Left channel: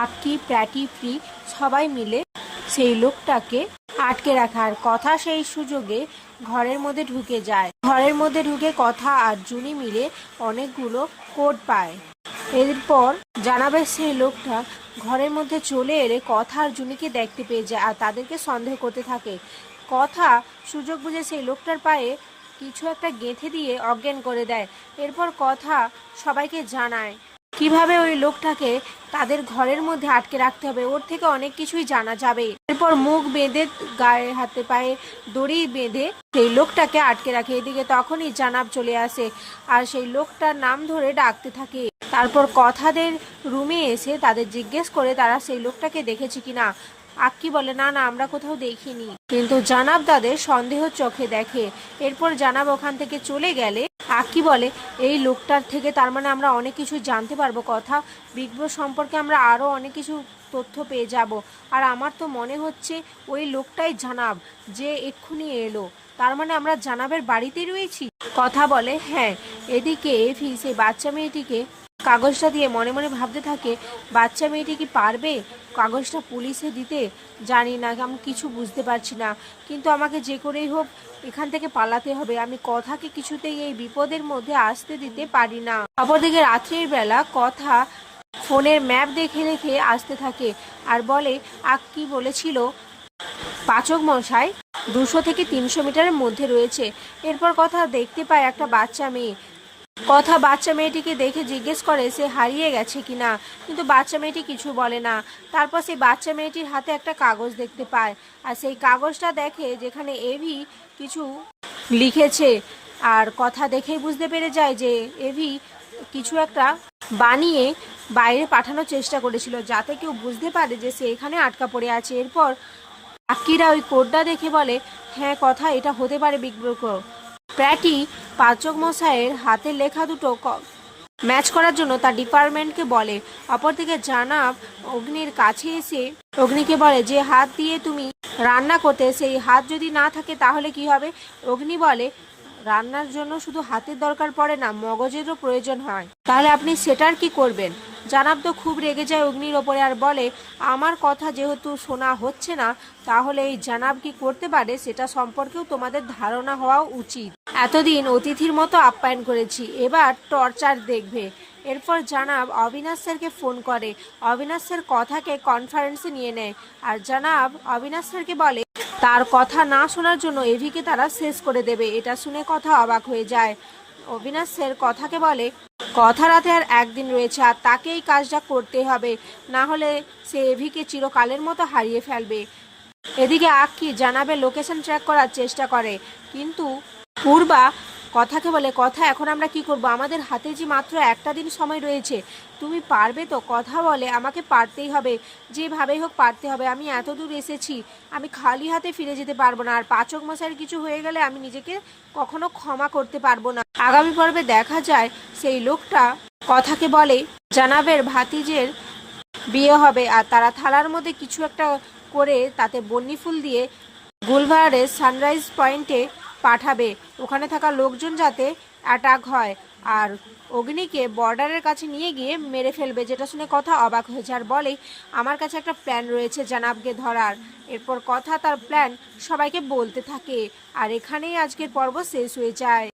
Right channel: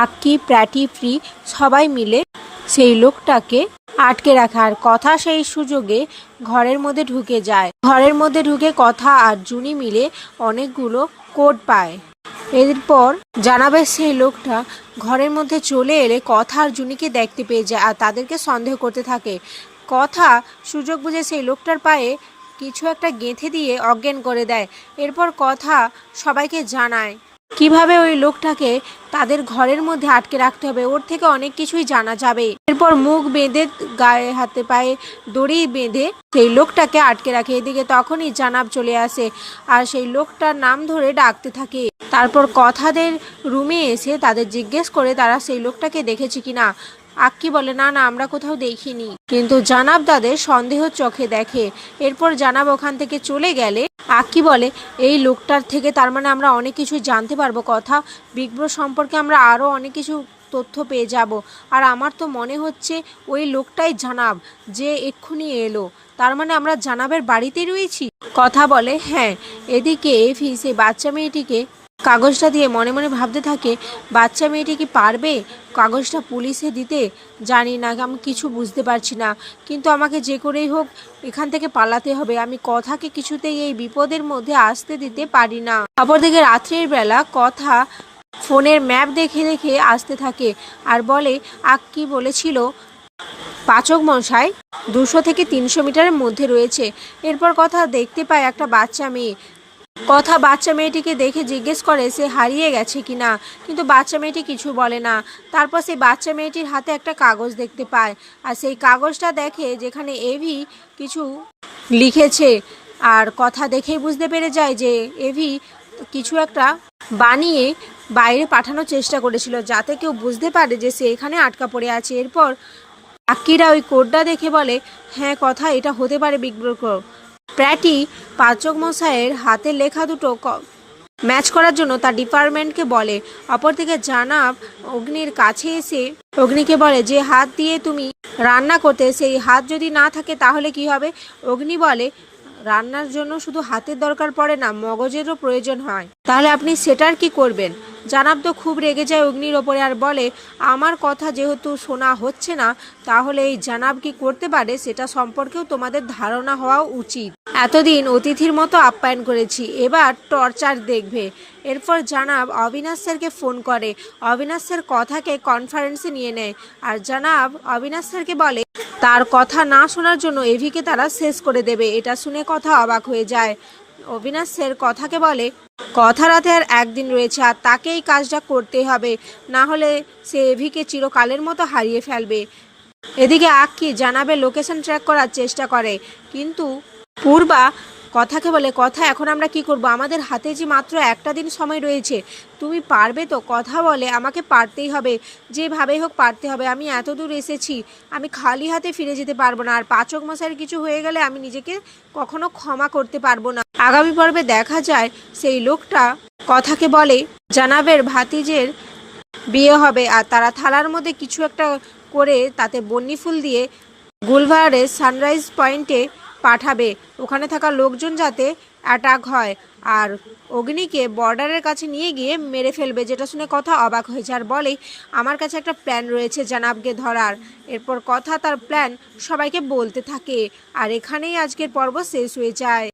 Akki প্র্যাটি free, সবাই মিলে সেই লোকটাকে আটকে রাখে। আর কথা সেই সুযোগে ঘরের মধ্যে ঢুকে যায়। ঘরের মধ্যে ঢুকে কথা আর জুনি মিলে অনেকগুলো কোড পায়। এরপর জানাবে সেই লোকটা ঘরের মধ্যে চলে এলে কথা আর জুনিকে দেখতে পেয়ে যায় আর তাদেরকে সন্দেহ করতে থাকে। কথা, সুযোগ বুঝে সেই লোকটার পায়ে কিছু একটা গেঁথে দিয়ে অজ্ঞান করে দেয়। এরপর কথা সবাইকে জানায় কীভাবে ওই লোকটাকে তাদের ঘরের মধ্যে আটকে রাখতে হবে? ওর থেকে অনেক কিছুই জানা যাবে। এরপর মুখ বেঁধে গায়ে হাতে পায়ে দড়ি বেঁধে সেই লোকটাকে আটকে রাখে। এদিকে তখনই জানাব চলে আসে আর সেই লোকটার নাম ধরে ডাকতে থাকে। তারপর কথাদের রুমে এসে তাদের জিজ্ঞেস করে তারা সেই লোকটাকে দেখেছে কিনা আক্কি বলে, না না, আমরা কোথাও দেখিনি। কিন্তু জানাব তাদের সন্দেহ চোখে দেখে। এরপর জানাব ওখান থেকে চলে গেলে আক্কি বলে, এই লোকটার থেকে তার মানে আমরা অনেক কিছু জানতে পারব। কথা বিগ ব্রো সম্পর্কে আমরা আরও অনেক কিছু তথ্য পেয়ে যাব। আর আমার তো মনে হচ্ছে ওই লোকটাই জানাব যে এক্ষুনি এলো। তার মানে আমরা জানাবের বাড়িতে রয়েছি। কথা বলে হ্যাঁ এদিকে এফি বাচ্চা মেয়েটিকে কাগজটা দিয়ে মনে মনে ভাবতে থাকে, বাচ্চা মেয়েটি কি পারবে কাগজটা পুলিশে দিতে? জানি না, আমি কিছু বুঝতে পারছি না। কিন্তু আমাকে যে করেই হোক, এখান থেকে পালাতে হবে। আমি কথাকে কিছুতেই এই বিপদের মধ্যে আসতে দিতে পারি না। অপরদিকে রাত্রির বেলা কথা ফোনের ম্যাপ দেখে দেখে আসতে থাকে আর বলে আক্কি বলেছিল? পাচক মশাই, দুশো থেকে তিনশো মিটারের মধ্যে রয়েছে। এরপর কথা দেখতে পায় একটা বাচ্চা মেয়ে। কথা বাচ্চা মেয়েটিকে দেখে জিজ্ঞেস করে সে হারিয়ে গেছে কিনা, কিন্তু বাচ্চা মেয়েটি কিছু বলে না। তারপর সেই বাচ্চা মেয়েটির হাতে একটা কাগজ দেখতে পায় আর সেই কাগজটা দেখে যেখানে এভি কিছু লিখেছে আর কথা দেখেই বুঝতে পেরে যায় যে এভি কিছু একটা বানিয়ে বাইরে পাঠানোর চেষ্টা করেছিল যাতে কেউ বুঝতে পারে যে সে এখানে আটকা পড়ে আছে। এরপর আক্কিরা ওই কোডটা দেখে বলে হ্যাঁ কথা এটা হতে পারে, বিগ ব্রো। প্র্যাটি পাচক মশাইয়ের হাতে লেখা দুটো ম্যাচ করার জন্য তার ডিপার্টমেন্টকে বলে। অপরদিকে জানাব, অগ্নির কাছে এসে অগ্নিকে বলে, যে হাত দিয়ে তুমি রান্না করতে, সেই হাত যদি না থাকে তাহলে কি হবে? অগ্নি বলে, রান্নার জন্য শুধু হাতের দরকার পড়ে না, মগজেরও প্রয়োজন হয়। তাহলে আপনি সেটার কি করবেন? জানাব তো খুব রেগে যায় অগ্নির ওপরে আর বলে, আমার কথা যেহেতু শোনা হচ্ছে না, তাহলে এই জানাব কি করতে পারে? সেটা সম্পর্কেও তোমাদের ধারণা হওয়া উচিত। এতদিন অতিথির মতো আপ্যায়ন করেছি। এবার টর্চার দেখবে। এরপর জানাব অবিনাশ স্যারকে ফোন করে। অবিনাশ স্যার কথাকে কনফারেন্সে নিয়ে নেয় আর জানাব অবিনাশ স্যারকে বলে, তার কথা না শোনার জন্য এভিকে তারা শেষ করে দেবে। এটা শুনে কথা অবাক হয়ে যায়। অবিনাশ স্যার কথাকে বলে কথা রাতে আর একদিন রয়েছে, আর তাকেই কাজটা করতে হবে। না হলে সে এভিকে চিরকালের মতো হারিয়ে ফেলবে। এদিকে আক্কি জানাবে, লোকেশন ট্র্যাক করার চেষ্টা করে। কিন্তু পূর্বা কথাকে বলে, কথা, এখন আমরা কি করব? আমাদের হাতে যে মাত্র একটা দিন সময় রয়েছে, তুমি পারবে তো? কথা বলে, আমাকে পারতেই হবে। যেভাবেই হোক পারতে হবে। আমি এত দূর এসেছি, আমি খালি হাতে ফিরে যেতে পারব না। আর পাচক মশাইয়ের কিছু হয়ে গেলে আমি নিজেকে কখনো ক্ষমা করতে পারব না। আগামী পর্বে দেখা যায়, সেই লোকটা কথাকে বলে, জানাবের ভাতিজের বিয়ে হবে। আর তারা থালার মধ্যে কিছু একটা করে তাতে বন্নি ফুল দিয়ে গুলভারের সানরাইজ পয়েন্টে পাঠাবে। ওখানে থাকা লোকজন যাতে অ্যাটাক হয়। আর অগ্নিকে বর্ডারের কাছে নিয়ে গিয়ে মেরে ফেলবে, যেটা শুনে কথা অবাক হয়েছে। আর বলে আমার কাছে একটা প্ল্যান রয়েছে জানাবকে ধরার। এরপর কথা, তার প্ল্যান সবাইকে বলতে থাকে। আর এখানেই আজকের পর্ব শেষ হয়ে যায়।